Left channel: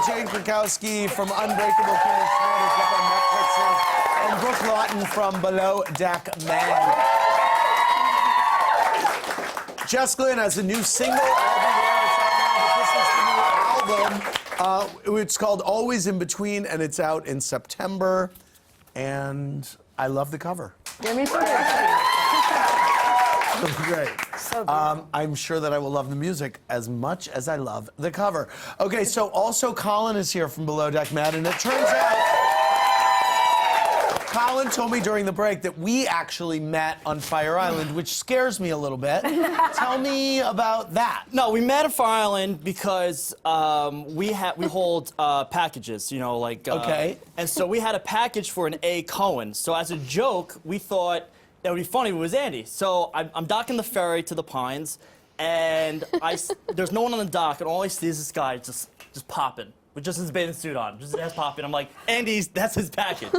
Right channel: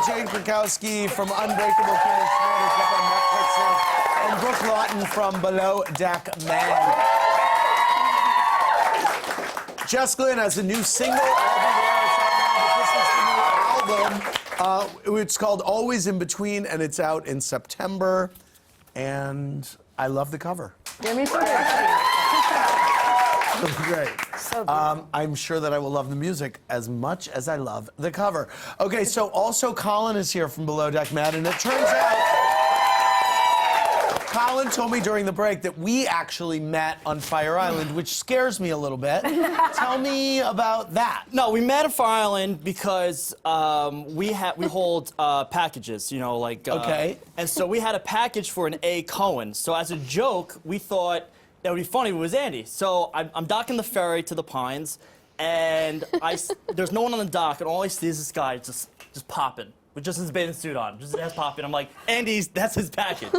with Jane Krakowski from Unbreakable Kimmy Schmidt is up on Netflix, and Brooke Lawton from Below Deck Man. Jess Glynn has a new single everywhere. It's out now, but this is the new album. It's called Always in Between, and it's out in September. And I love the cover. Yeah, me too. Great. So good. I'm sure that I will love the music as much as I love the cover. Okay, so also Colin is here from Below Deck Mad, and it turns out Colin told me during the break that we actually met on Fire Island, which scares me a little bit. Tell me about that. No, we met at Fire Island because we hold packages, you know, like... Okay. And so we had a package for an A. Cohen. So as a joke, we thought that would be funny if it was Andy. So I'm docking the ferry to the Pines, and there's no one on the dock, and all I see is this guy just popping. With just his bathing suit on, just his ass popping. I'm like, Andy's, that's his package.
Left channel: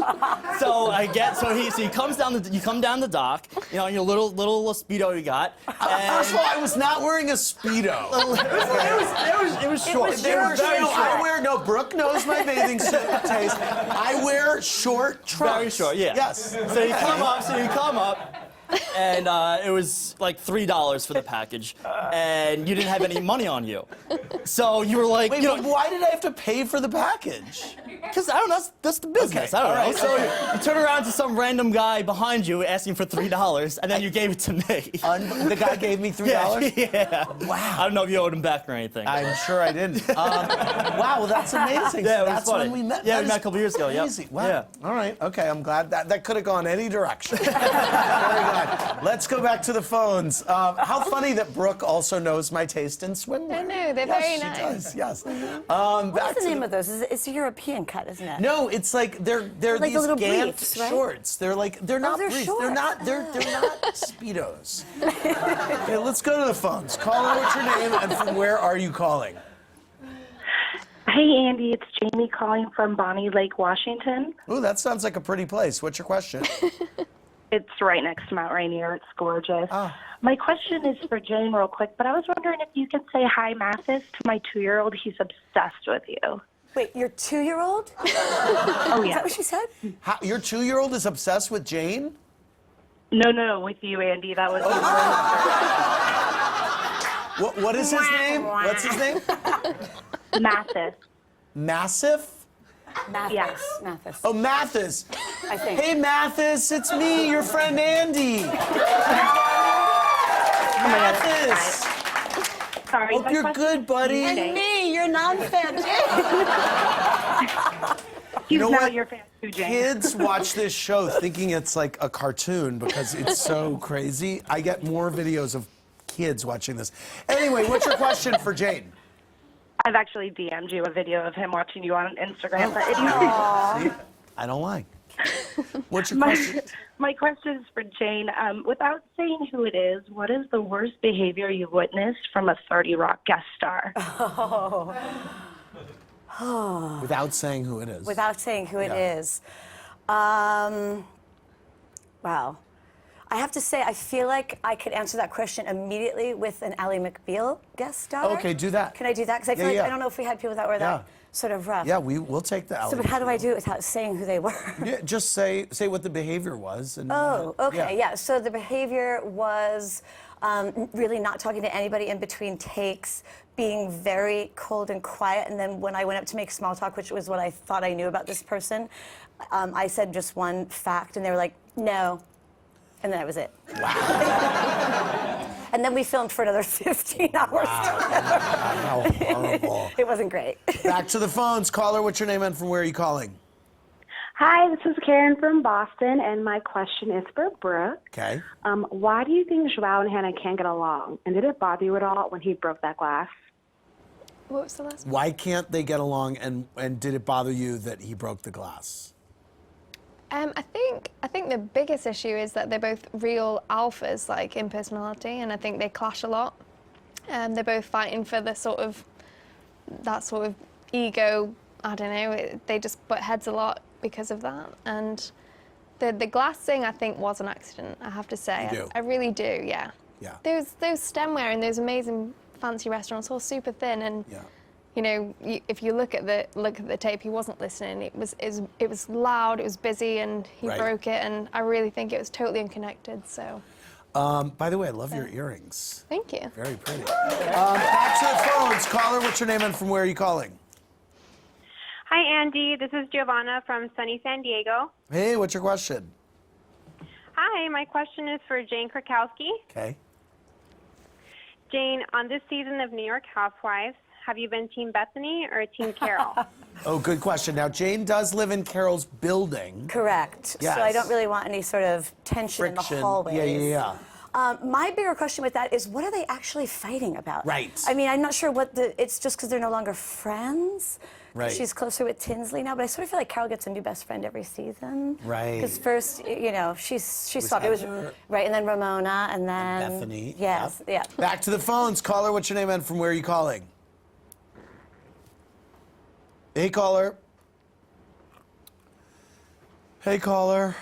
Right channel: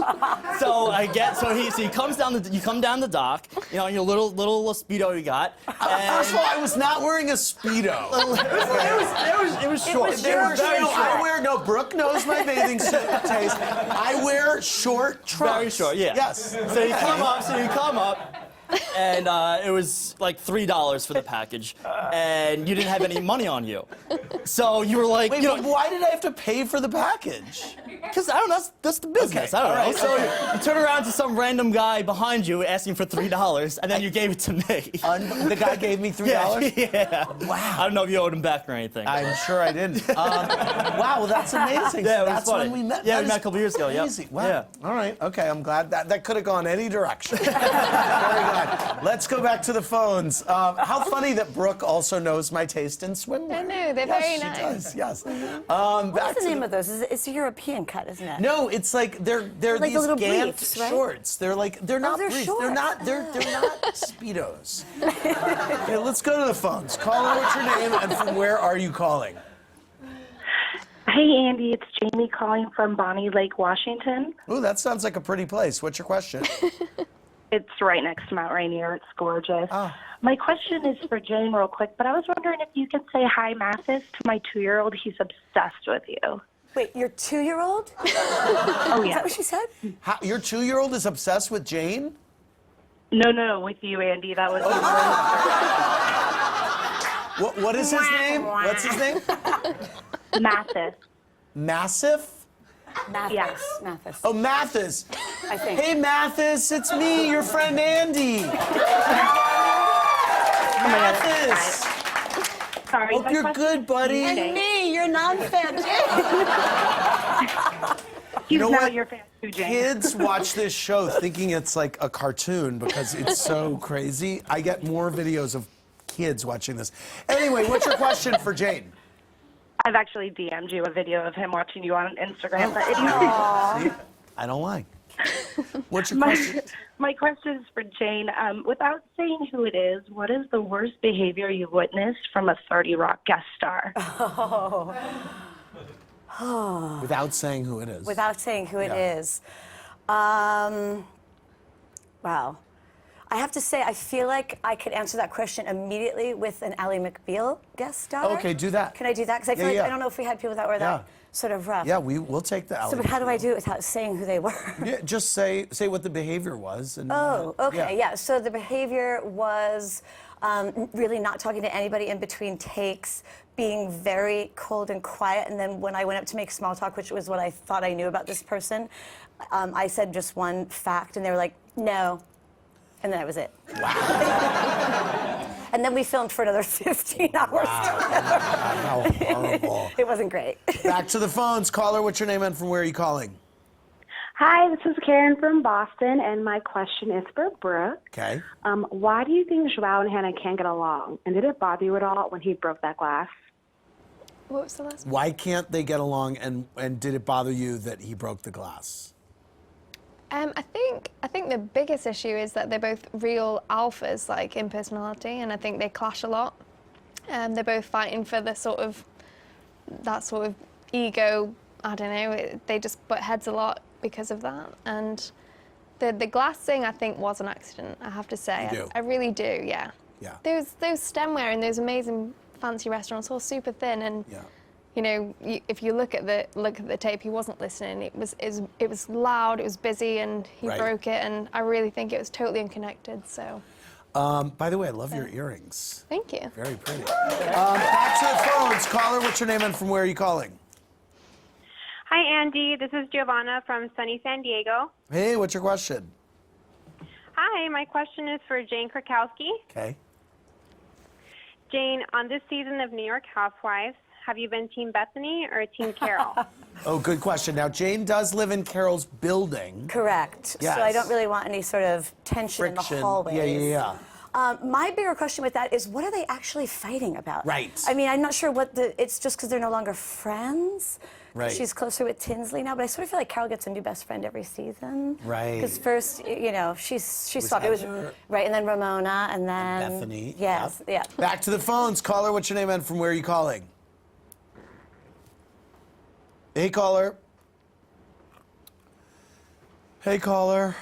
So he comes down you come down the dock, you know, in your little Speedo you got. First of all, I was not wearing a Speedo. It was short. No, Brooke knows my bathing suit taste. I wear short trunks. Very short, yeah. Yes. So you come up, and it was like $3 for the package, and you didn't have any money on you. So you were like, wait, why did I have to pay for the package? Because I don't know, that's the business. Okay. I don't know. Right. So you turn around to some random guy behind you asking for $3, and then you gave it to me. The guy gave me $3? Yeah. Wow. I don't know if you owed him back or anything. I'm sure I didn't. Wow, well, that's amazing. Yeah, it was that's funny. when we met. Yeah, That we met is a couple years ago. Yep. crazy. Wow. Yeah. All right. Okay, I'm glad that could have gone any direction. Very good. Let's go back to the phones. How funny that Brooke also knows my taste in swimwear. I know, they're very nice. She does, yes. What's the name of those? It's a European cut, isn't it? No, it's like they're like these the little gant briefs, right? shorts. They're not they're briefs. shorts. They're not Speedos. Okay, let's go to the phones. Caller, what's your name and from where are you calling? Hey, Andy, it's Jamie calling from Bonnie Lake, Washington. Ooh, that sounds like a pretty place. What's your question? It's right next to Mount Rainier. It's gorgeous. Oh. My question is for Jane real quick, but I was wondering if you could say hi, Mathis, to my 2-year-old. He's obsessed with you. Wait, your 2-year-old? Oh, yeah. Is that what she said? Your 2-year-old is obsessed with Jane? No, with you, Andy. That was What is his name? What's his name? Mathis. Massive? Mathis. Yeah. Mathis. Oh, Mathis. I think. Hey, Mathis, it's me, your friend Andy. Mathis. Sorry. Hope you're good, buddy. And me, your non-fan. He's know not what? your fan too, Jane. Kids watch this show thinking it's like a cartoon because it's so crazy. I get more videos of kids watching this. Anyway, what's your question for Jane? I've actually DM'd you a video of him watching you on Instagram. But See? I don't lie. What's your question? My question is for Jane. Without saying who it is, what is the worst behavior you've witnessed from a 30 Rock guest star? Without saying who it is. Without saying who it is. Wow. I have to say, I feel like I could answer that question immediately with an Ally McBeal guest star. Okay, do that. Can I do that? Because I feel like, I don't know if we had people that were that sort of rough. Yeah, we'll take the So, but how do I do it without saying who they were? Yeah, just say what the behavior was. And, Okay, yeah. So the behavior was really not talking to anybody in between takes, being very cold and quiet, and then when I went up to make small talk, which was what I thought I knew about this person, I said just one fact, and they were like, no. And then that was it. Wow. And then we filmed for another 15 hours. Wow. How horrible. It wasn't great. Back to the phones. Caller, what's your name and from where are you calling? Hi, this is Karen from Boston, and my question is for Brooke. Okay. Why do you think Joao and Hannah can't get along? And did it bother you at all when he broke that glass? What was the last one? Why can't they get along, and did it bother you that he broke the glass? I think the biggest issue is that they're both real alphas, like in personality, and I think they clash a lot. They're both fighting for that sort of ego. I don't know. They just butt heads a lot because of that. And the glass thing, I think, was an accident. I have to say. You do? I really do. Yeah. Yeah. Those stemware in those amazing fancy restaurants, all super thin, and you know, if you look at the tape, he wasn't listening. It was loud, it was busy, and he Right. broke it. And I really think it was totally unconnected. So. By the way, I love your earrings. Thank you. Very pretty. Back to the phones. Caller, what's your name and from where are you calling? Hi, Andy. This is Giovanna from sunny San Diego. Hey, what's your question? Hi, my question is for Jane Krakowski. Okay. Jane, on this season of New York Housewives, have you been Team Bethenny or Team Carole? Oh, good question. Now, Jane does live in Carole's building. Correct. Yes. So I don't really want any sort of tension in the Friction. hallways. Yeah. My bigger question with that is, what are they actually fighting about? Right. I mean, I'm not sure what it's just because they're no longer friends. Right. She's closer with Tinsley now, but I sort of feel like Carole gets a new best friend every season. Right. Because first, you know, she's swapped. It was Heather. right, and then Ramona, and then Bethenny. Yes, yeah. Back to the phones. Caller, what's your name and from where are you calling? Hey, caller. Hey, caller.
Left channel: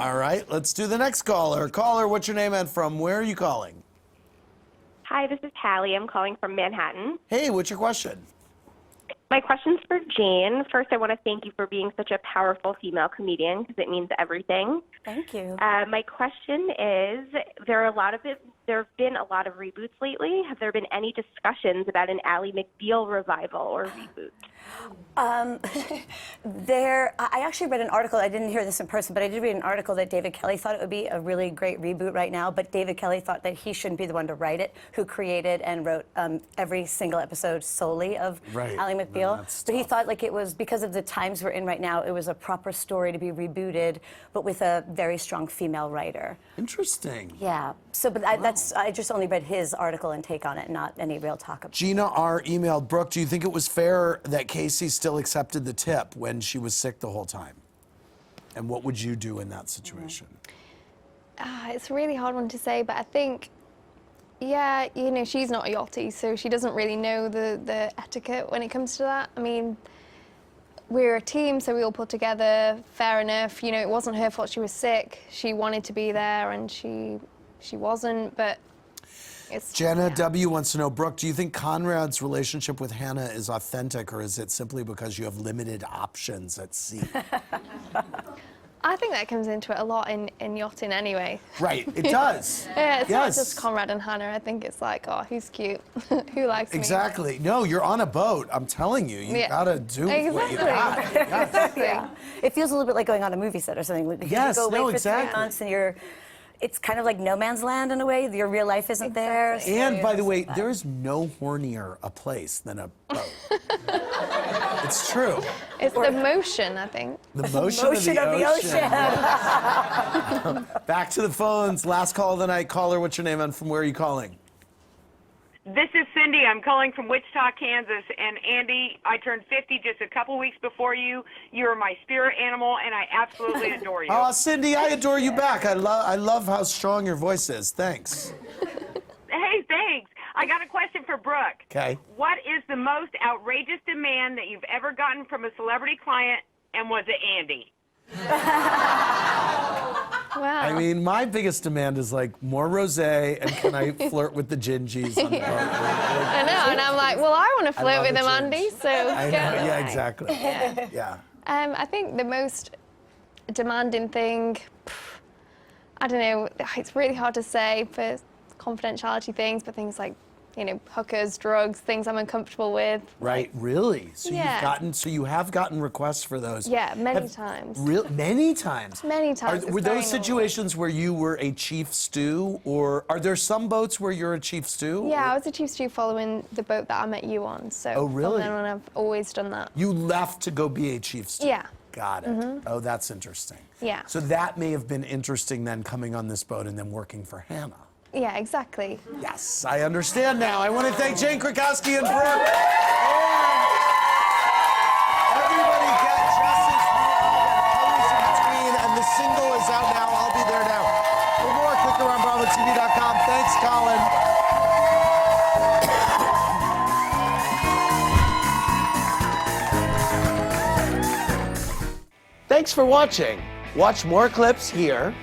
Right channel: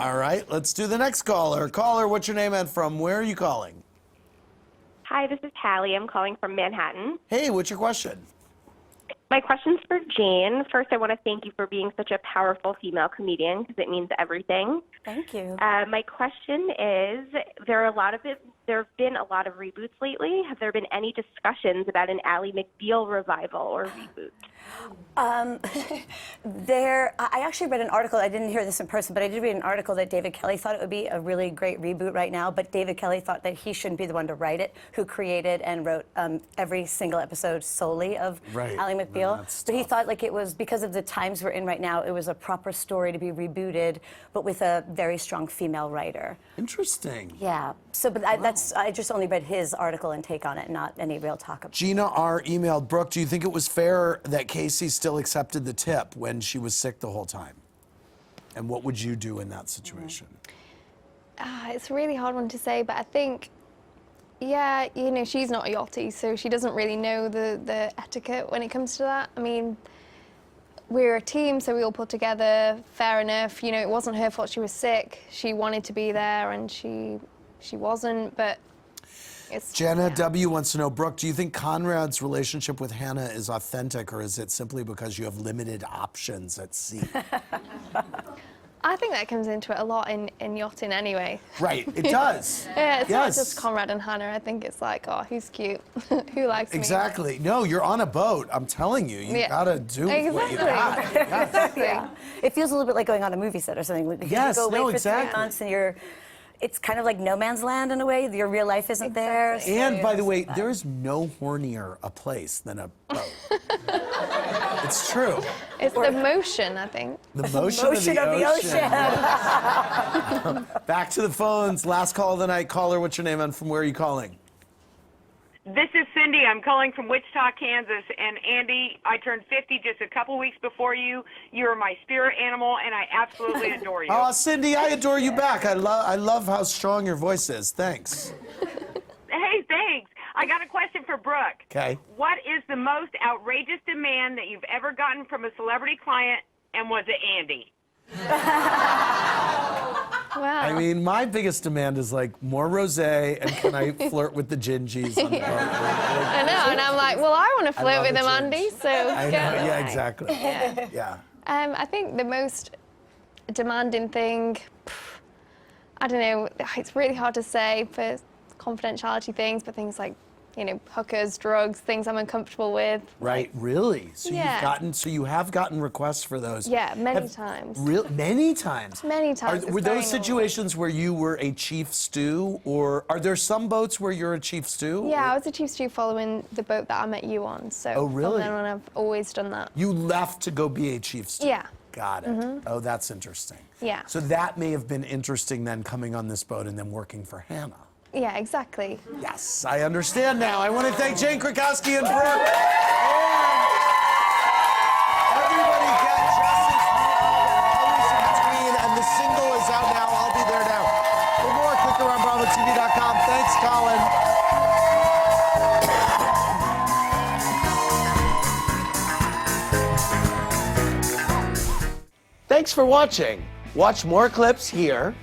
All right, let's do the next caller. Caller, what's your name and from where are you calling? Hi, this is Hallie. I'm calling from Manhattan. Hey, what's your question? My question's for Jane. First, I want to thank you for being such a powerful female comedian because it means everything. Thank you. My question is, there have been a lot of reboots lately. Have there been any discussions about an Ally McBeal revival or reboot? I actually read an article, I didn't hear this in person, but I did read an article that David Kelly thought it would be a really great reboot right now, but David Kelly thought that he shouldn't be the one to write it, who created and wrote every single episode solely of Right. Ally McBeal. So he thought like it was, because of the times we're in right now, it was a proper story to be rebooted, but with a very strong female writer. Interesting. Yeah, so but I just only read his article and take on it, not any real talk about it. Gina R. emailed, Brooke, do you think it was fair that Casey still accepted the tip when she was sick the whole time? And what would you do in that situation? It's a really hard one to say, but I think, yeah, you know, she's not a yachty, so she doesn't really know the etiquette when it comes to that. I mean, we're a team, so we all pulled together, fair enough. You know, it wasn't her fault she was sick. She wanted to be there, and she wasn't, but it's... Jenna W. wants to know, Brooke, do you think Conrad's relationship with Hannah is authentic, or is it simply because you have limited options at sea? I think that comes into it a lot in yachting anyway. Right, it does. Yeah, it's Yes. not just Conrad and Hannah. I think it's like, oh, who's cute? Who likes me? Exactly. No, you're on a boat. I'm telling you, you gotta do what you got. Yes. Yeah. It feels a little bit like going on a movie set or something. Yes, you go away no, for exactly. 3 months and it's kind of like no man's land in a way. Your real life isn't there. So And by the way, that. there is no hornier a place than a boat. It's true. It's the motion, I think. The motion of the ocean. Back to the phones. Last call of the night. Caller, what's your name and from where are you calling? This is Cindy. I'm calling from Wichita, Kansas. And Andy, I turned 50 just a couple weeks before you. You are my spirit animal, and I absolutely adore you. Oh, Cindy, I adore you back. I love how strong your voice is. Thanks. Hey, thanks. I got a question for Brooke. Okay. What is the most outrageous demand that you've ever gotten from a celebrity client, and was it Andy? Wow. I mean, my biggest demand is like more rosé and can I flirt with the gingies on the boat? I know, and I'm like, well, I want to flirt love with the him, gins. Andy, so I go. know, yeah, exactly. Yeah. I think the most demanding thing, I don't know, it's really hard to say for confidentiality things, but things like, you know, hookers, drugs, things I'm uncomfortable with. Right, really? So Yeah. you have gotten requests for those? Yeah, many times. Many times? Many times. Were It's those going on. situations where you were a chief stew, or are there some boats where you're a chief stew? Yeah, I was a chief stew following the boat that I met you on, so Oh, really? from then on I've always done that. You left to go be a chief stew? Yeah. Got it. Oh, that's interesting. Yeah. So that may have been interesting then, coming on this boat and then working for Hannah. Yeah, exactly. Yes, I understand now. I want to thank Jane Krakowski and Brooke. Everybody get Jess's new album, Always in Between, and the single is out now. I'll be there now. For more, click around BravoTV.com. Thanks, Colin. Thanks for watching. Watch more clips here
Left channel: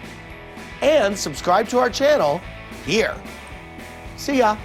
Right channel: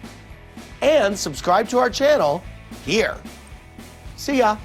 and subscribe to our channel here. See ya.